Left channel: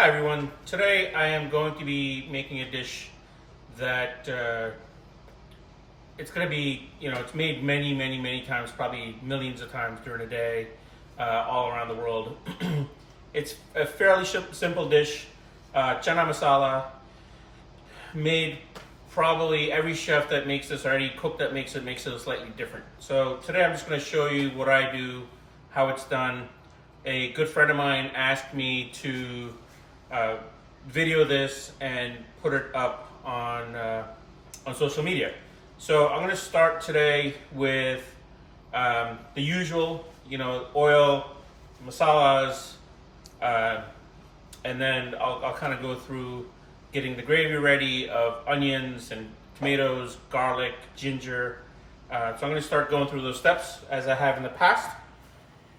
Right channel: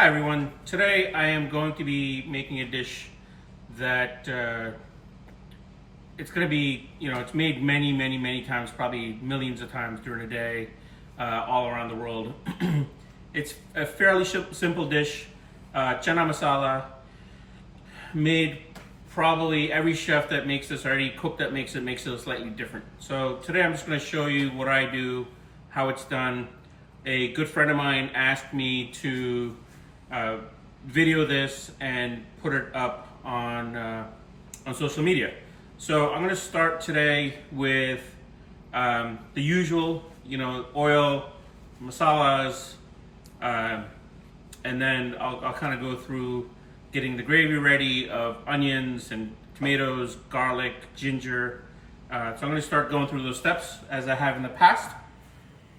Hi everyone. Today I am going to be making a dish that it's going to be, it's made many times, probably millions of times during a day, all around the world. It's a fairly simple dish, Chana Masala, made probably every chef that makes this already, cook that makes it slightly different. So today I'm just going to show you what I do, how it's done. A good friend of mine asked me to video this and put it up on social media. So I'm going to start today with the usual, oil, masalas, and then I'll kind of go through getting the gravy ready of onions and tomatoes, garlic, ginger. So I'm going to start going through those steps as I have in the past.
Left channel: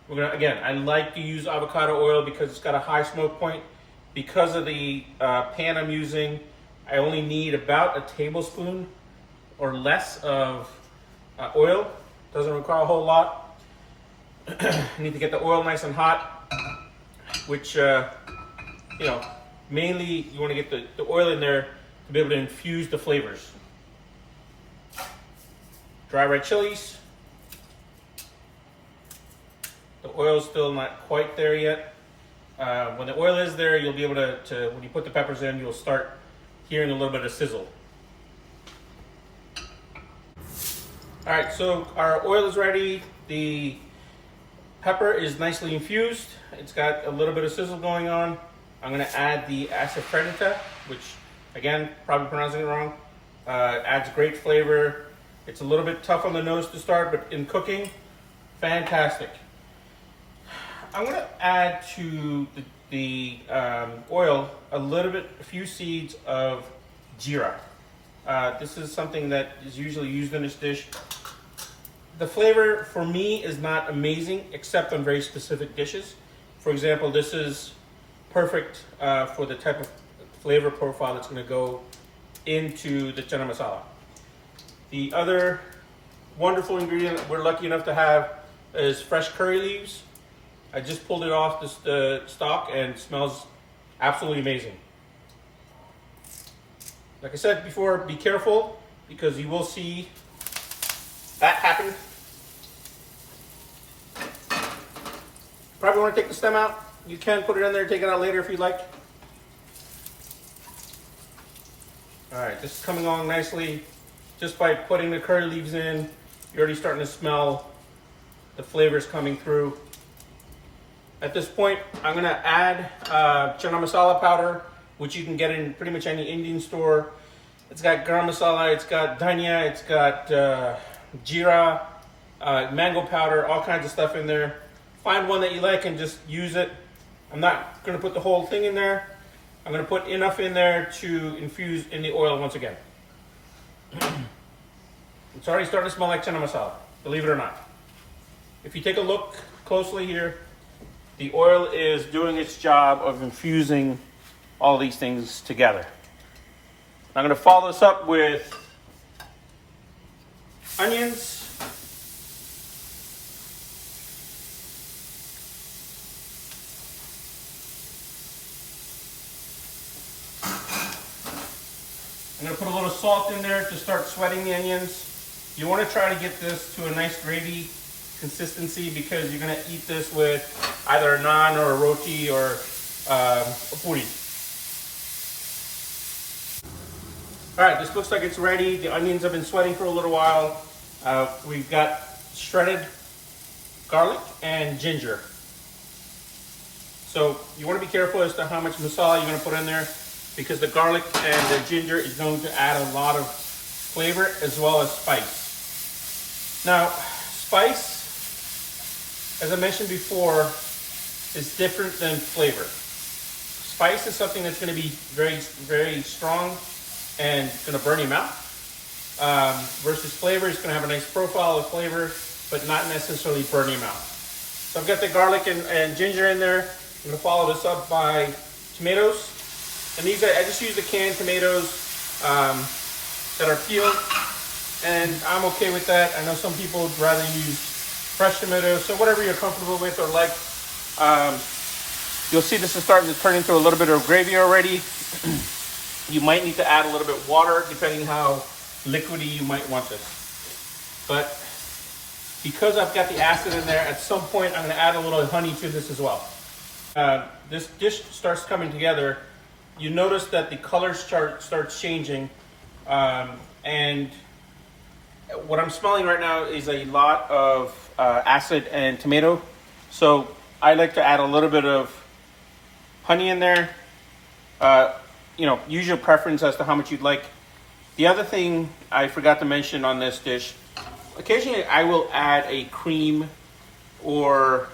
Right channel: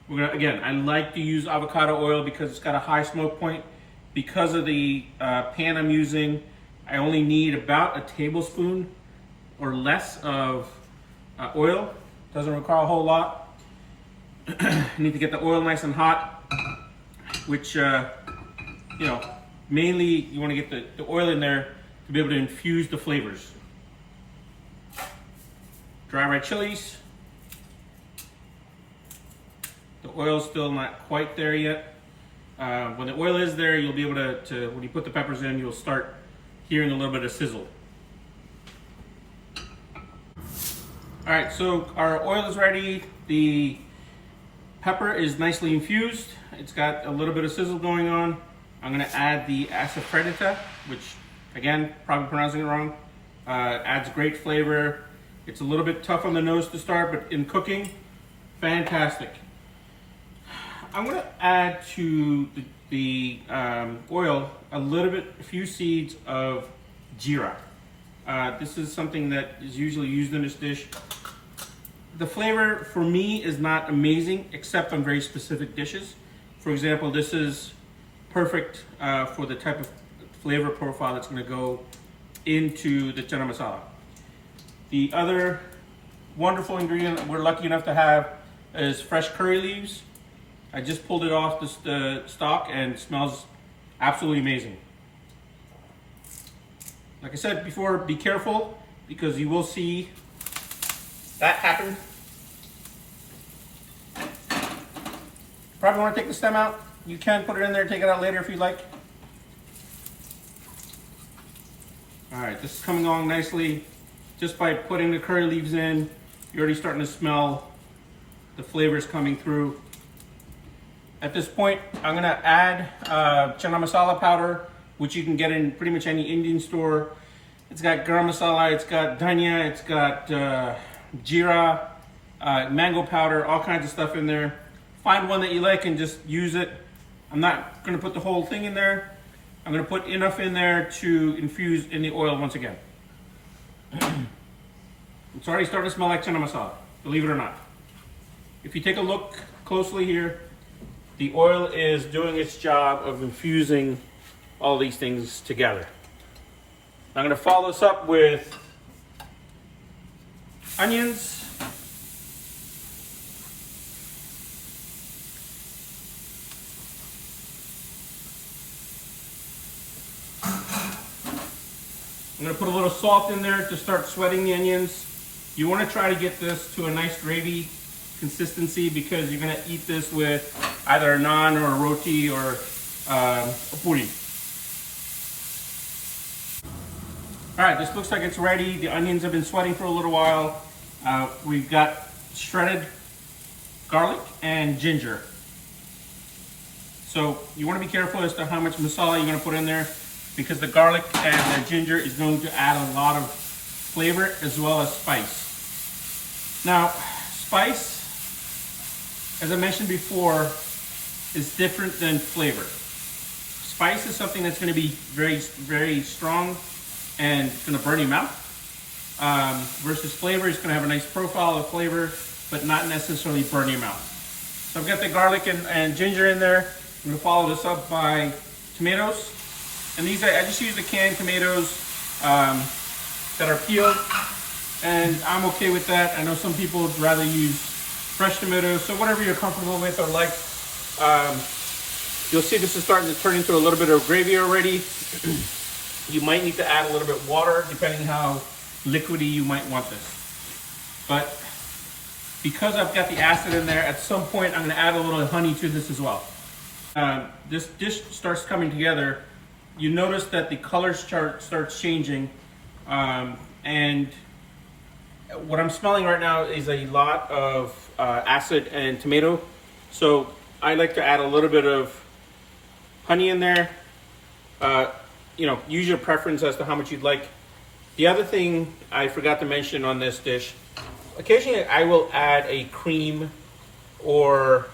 Again, I like to use avocado oil because it's got a high smoke point. Because of the pan I'm using, I only need about a tablespoon or less of oil. Doesn't require a whole lot. I need to get the oil nice and hot, which, mainly you want to get the oil in there to be able to infuse the flavors. Dry red chilies. The oil's still not quite there yet. When the oil is there, you'll be able to, when you put the peppers in, you'll start hearing a little bit of sizzle. All right, so our oil is ready. The pepper is nicely infused. It's got a little bit of sizzle going on. I'm gonna add the asafoetida, which, again, probably pronouncing it wrong. Adds great flavor. It's a little bit tough on the nose to start, but in cooking, fantastic. I'm going to add to the oil a few seeds of jeera. This is something that is usually used in this dish. The flavor for me is not amazing, except on very specific dishes. For example, this is perfect for the type of flavor profile that's going to go into the chana masala. The other wonderful ingredient we're lucky enough to have is fresh curry leaves. I just pulled it off the stalk and it smells absolutely amazing. Like I said before, be careful because you will see that happen. Probably want to take the stem out. You can put it in there, take it out later if you like. All right, this is coming along nicely. Just by putting the curry leaves in, you're already starting to smell the flavors coming through. At this point, I'm gonna add Chana Masala powder, which you can get in pretty much any Indian store. It's got garam masala, it's got dhania, it's got jeera, mango powder, all kinds of stuff in there. Find one that you like and just use it. I'm not gonna put the whole thing in there. I'm gonna put enough in there to infuse in the oil once again. It's already starting to smell like Chana Masala, believe it or not. If you take a look closely here, the oil is doing its job of infusing all these things together. I'm going to follow this up with onions. I'm going to put a little salt in there to start sweating the onions. You want to try to get this to a nice gravy consistency because you're going to eat this with either a naan or a roti or a puri. All right, this looks like it's ready. The onions have been sweating for a little while. We've got shredded garlic and ginger. So you want to be careful as to how much masala you're going to put in there because the garlic and the ginger is going to add a lot of flavor as well as spice. Now, spice, as I mentioned before, is different than flavor. Spice is something that's going to be very strong and going to burn your mouth. Versus flavor is going to have a nice profile of flavor, but not necessarily burn your mouth. So I've got the garlic and ginger in there. I'm going to follow this up by tomatoes. And these I just use the canned tomatoes that are peeled. And I'm okay with that. I know some people would rather use fresh tomatoes, so whatever you're comfortable with or like. You'll see this is starting to turn into a little bit of gravy already. You might need to add a little bit of water depending how liquidy you might want this. But because I've got the acid in there, at some point I'm gonna add a little honey to this as well. This dish starts coming together. You notice that the color starts changing. And what I'm smelling right now is a lot of acid and tomato. So I like to add a little bit of honey in there. You know, use your preference as to how much you'd like. The other thing I forgot to mention on this dish, occasionally I will add a cream, or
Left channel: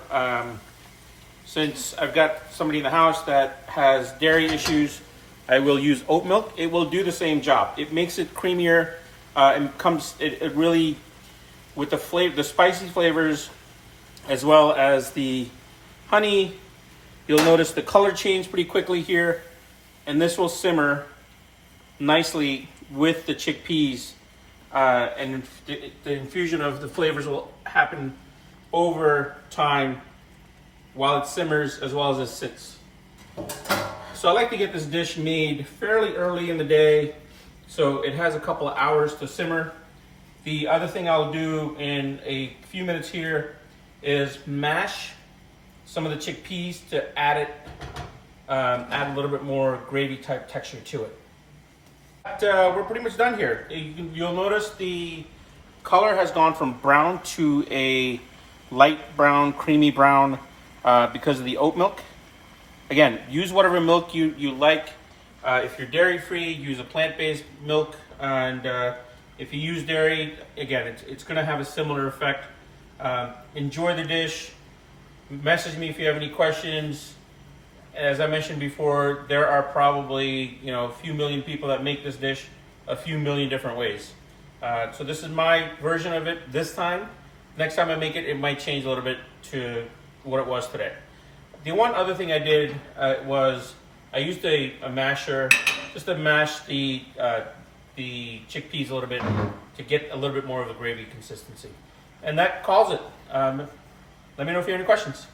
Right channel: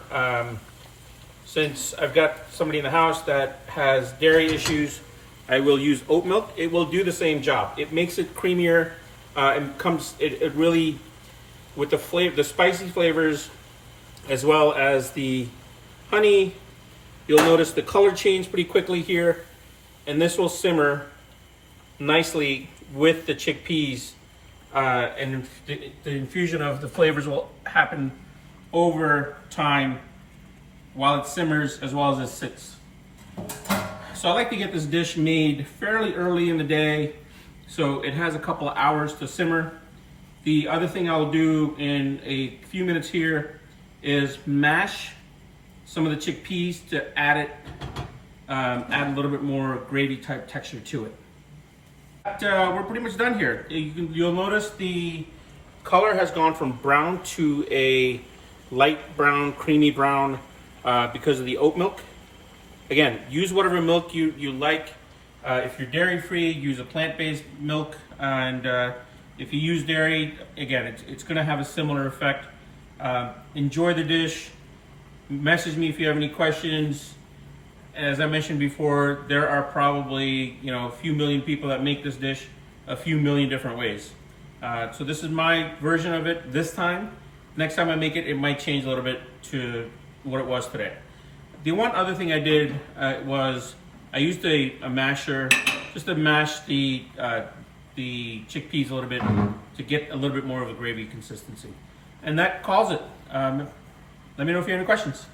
since I've got somebody in the house that has dairy issues, I will use oat milk. It will do the same job. It makes it creamier, and it really, with the flavor, the spicy flavors, as well as the honey, you'll notice the color change pretty quickly here, and this will simmer nicely with the chickpeas, and the infusion of the flavors will happen over time while it simmers as well as it sits. So I like to get this dish made fairly early in the day, so it has a couple of hours to simmer. The other thing I'll do in a few minutes here is mash some of the chickpeas to add a little bit more gravy type texture to it. But, we're pretty much done here. You'll notice the color has gone from brown to a light brown, creamy brown, because of the oat milk. Again, use whatever milk you like. If you're dairy free, use a plant-based milk, and if you use dairy, again, it's going to have a similar effect. Enjoy the dish. Message me if you have any questions. As I mentioned before, there are probably a few million people that make this dish a few million different ways. So this is my version of it this time. Next time I make it, it might change a little bit to what it was today. The one other thing I did was I used a masher just to mash the chickpeas a little bit to get a little bit more of a gravy consistency. And that calls it. Let me know if you have any questions.